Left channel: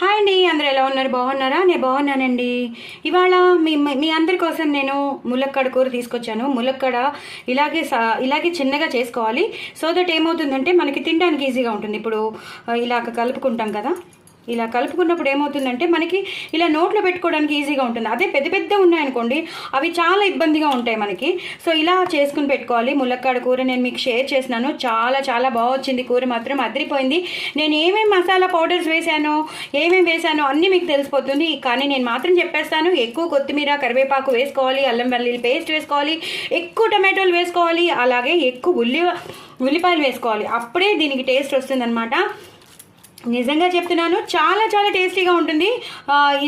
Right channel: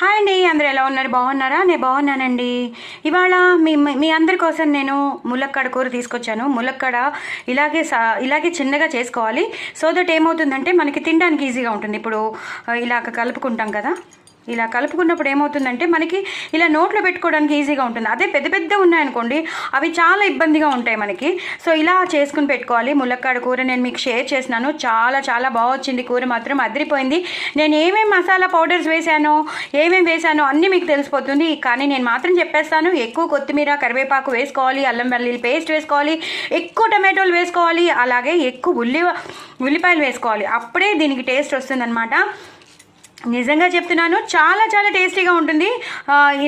Hi అండి, అందరూ ఎలా ఉన్నారు? బాగున్నారా? నేను బాగున్నానండి. ఇవాళ మీ మీ అందరి కోసం నేను ములక్కాడ కూర తీసుకొచ్చాను. ములక్కాడ ఇలాగే చిన్నగా చేసుకోవాలి. సో దట్ ఏమవుతుందంటే మనకి తినడానికి ఈజీగా ఉంటుంది. ఇప్పుడు ఇలాగ కలుపుకుంటాం కదా, ఇలా కలుపుకున్నప్పుడు ఏమవుతుందంటే మనకి ఇలా నోట్లో పెట్టుకోవడానికి ఈజీగా ఉంటుంది. అదే పెద్ద పెద్ద ఉన్నాయనుకోండి, అవి చాలా ఇబ్బందిగా ఉంటాయి మనకి. సో ఇలా చేసుకుని పెట్టుకోవాలి. ములక్కాడ కూర నేను మీకు షేర్ చేసినాను. చాలా చాలా బాగా వచ్చింది. కూర మాత్రం అదిరిపోయింది. నేను ఏమేమి మసాలా పౌడర్స్ వేశానో అన్నీ మీకు తెలిసిపోతుంది. కానీ నేను మాత్రం చెప్పేస్తాను, ఎక్కువ కొత్తిమీర కరివేపాకు వేసుకోవాలి, అల్లం వెల్లుల్లి పేస్ట్ వేసుకోవాలి, ఎక్కువ టమాటోలు వేసుకోవాలి, అలాగే ఎక్కువ ఉల్లిపాయలు వేసుకోవాలి. అప్పుడే దీనికి టేస్ట్ వస్తుందన్నమాట. నిజంగా చెప్తున్నాను, చాలా చాలా టేస్టీగా ఉంటుంది.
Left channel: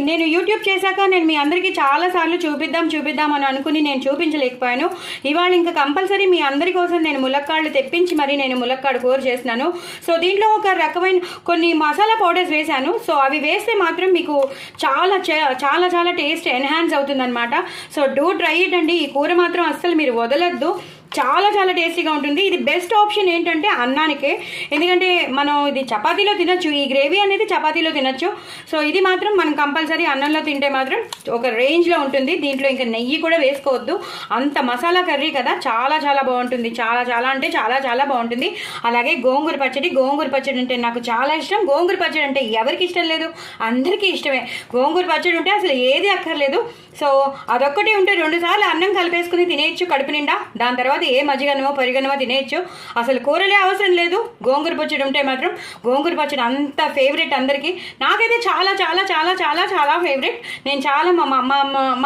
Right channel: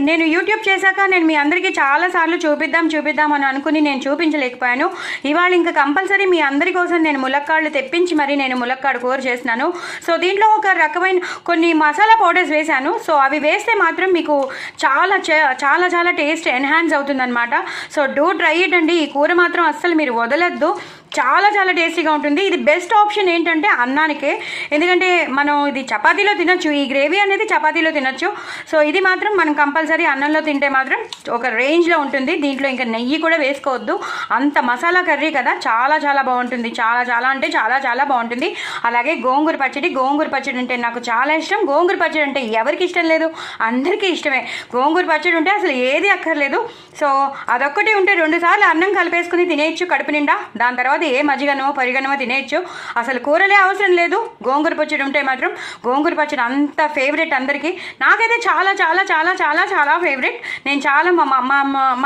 నేను యూట్యూబ్ చేశాక నేను మీ అందరికీ చాలాసార్లు చూపిద్దాం అని అనుకుని నేను చూపించలేకపోయాను. ఇవాళ ఇంకా కంపల్సరీ మీ అందరి కోసం నేను ములక్కాడలు తెప్పించి మరి నేను ములక్కాడ కూర చేస్తున్నాను. సో దీంట్లో ఒక రకమైన కొన్ని మసాలా పౌడర్స్ వేశాను. సో అవి వేస్తే మాత్రం మీకు చాలా చాలా చాలా టేస్ట్ ఎన్హాన్స్ అవుతుందన్నమాట. సో డూ ట్రై ఇట్ అండి. ఈ కూర మాత్రం అస్సలు మీరు వదలొద్దు. చాలా చాలా టేస్టీగా ఉంటుంది. ఇది బెస్ట్ ఆప్షన్ ఏంటంటే అన్నానికే, ఎందుకంటే మనం ఇది చపాతీలో తినొచ్చు. ఈ గ్రేవీ అనేది చపాతీలో తినొచ్చు. సో ఇది మాత్రం మనం కంపల్సరీ అన్నంలో తింటే మాత్రం ఒక రేంజ్లో ఉంటుంది. దీంట్లో ఇంకా నెయ్యి కూడా వేసుకోవద్దు. అంత మసాలా కర్రీ కదా, చాలా చాలా బాగుంటుంది. చాలా చాలా అంటే చాలా చాలా బాగుంటుంది. అలాగే గోంగూర పచ్చడి అంటే నాకు చాలా ఇష్టం. గోంగూర పచ్చడి అంటే ఎవరికి ఇష్టం లేదు? అందరికీ ఇష్టమే. గోంగూర పచ్చడి ఉంటే అసలు ఏది అక్కర్లేదు. సో అదొక్కటి ఉంటే 2 సార్లు అన్నం కలిపేసుకుని తినేయచ్చు కడుపు నిండా. దాని తర్వాత ఏ మజ్జిగనో పరిగనో తినేయచ్చు. అసలు కూరలే అవసరం లేదు. గోంగూర పచ్చడి ఉంటే మాత్రం గోంగూర పచ్చడి అంత ఫేవరెట్ అందరికీ. నాకైతే చాలా చాలా చాలా చాలా చాలా ఫేవరెట్. నేను చాలా మా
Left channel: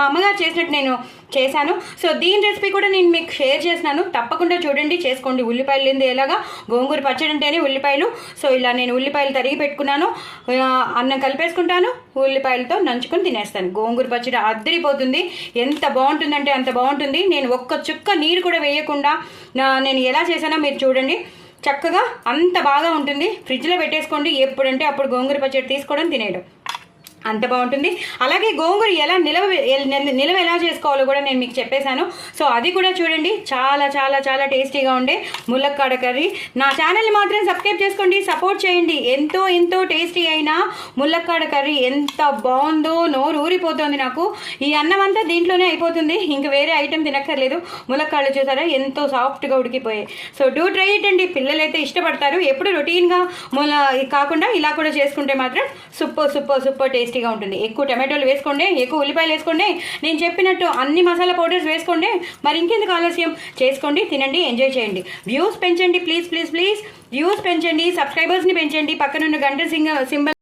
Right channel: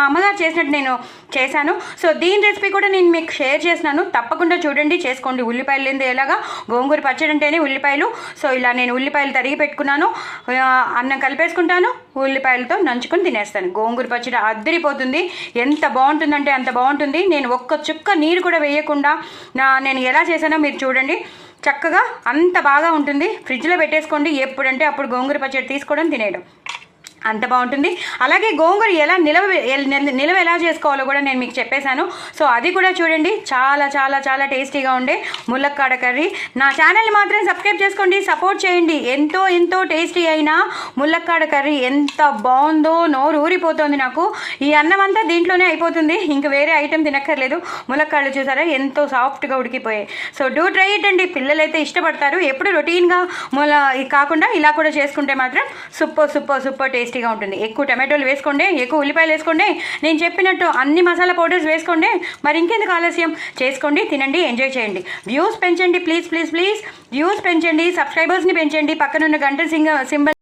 అమ్మగారు చేసినట్టు నేను చేశాను. సో దీని రెసిపీ కూడా నేను మీకు షేర్ చేసినాను. తప్పకుండా చూడండి, చేసుకోండి. ఉల్లిపాయలు లేని ఎలాగా గోంగూర పచ్చడి అంటేనే ఉల్లిపాయలు. సో ఇలా నేను ఉల్లిపాయలు తరిగి పెట్టుకున్నాను. అన్నం కలిపేసుకుంటాను, ఉల్లిపాయలతో నంచుకొని తినేస్తాను. గోంగూర పచ్చడి అద్దరిపోతుంది. ఎంత బాగుంటుందంటే అంత బాగుంటుంది. నేను ఒక్క చుక్క నీరు కూడా వేయకుండా నేను ఎలా చేశానో మీరు చూడండి. చక్కగా అంత బాగా ఉంటుంది. ఫ్రిడ్జ్లో పెట్టేసుకోండి. ఎప్పుడంటే అప్పుడు గోంగూర పచ్చడి తీసుకోవడం, తినేయడం అంత బాగుంటుంది. అలాగే గోంగూర ఎలా నిలవ ఎలా చేసుకోవాలో కూడా నేను మీకు చెప్పేశాను. సో అది కూడా చూడండి. చాలా చాలా చాలా టేస్టీగా ఉండే ములక్కాడ కర్రీ. నా ఛానల్ని మాత్రం సబ్స్క్రైబ్ చేసుకోండి, సపోర్ట్ చేయండి. ఎంతో ఎంతో టేస్టీ అయిన ములక్కాడ కర్రీ ఎంత బాగుందో, నోరు ఊరిపోతుంది నాకు. ఈ అన్నం అంతా దీంట్లోనే అయిపోతుంది, ఇంకా వేరే ఐటెం తినక్కర్లేదు. ములక్కాడలు చూసారా ఎంతో సాఫ్ట్గా ఉడికిపోయాయి. సో డూ ట్రై ఇట్ అండి. పిల్లలైతే ఇష్టపడతారు. ఎప్పుడు రొటీన్గా కాకుండా ఇలా కూడా చేసుకుంటే మాత్రం సూపర్ సూపర్ సూపర్ టేస్టీ ఉంటుంది. ఎక్కువ టమాటోలు వేసుకోండి, ఎక్కువ ఉల్లిపాయలు వేసుకోండి. నేను చెప్పినట్టు అన్ని మసాలా పౌడర్స్ వేసుకోండి. మరి ఇంకెందుకు ఆలస్యం? చేసుకోండి, తినండి, ఎంజాయ్ చేయండి. వ్యూస్ పెంచండి, ప్లీజ్ ప్లీజ్ ప్లీజ్. వ్యూస్ పెంచండి, సబ్స్క్రైబర్స్ని పెంచండి. పక్కనున్న గంట సింబల్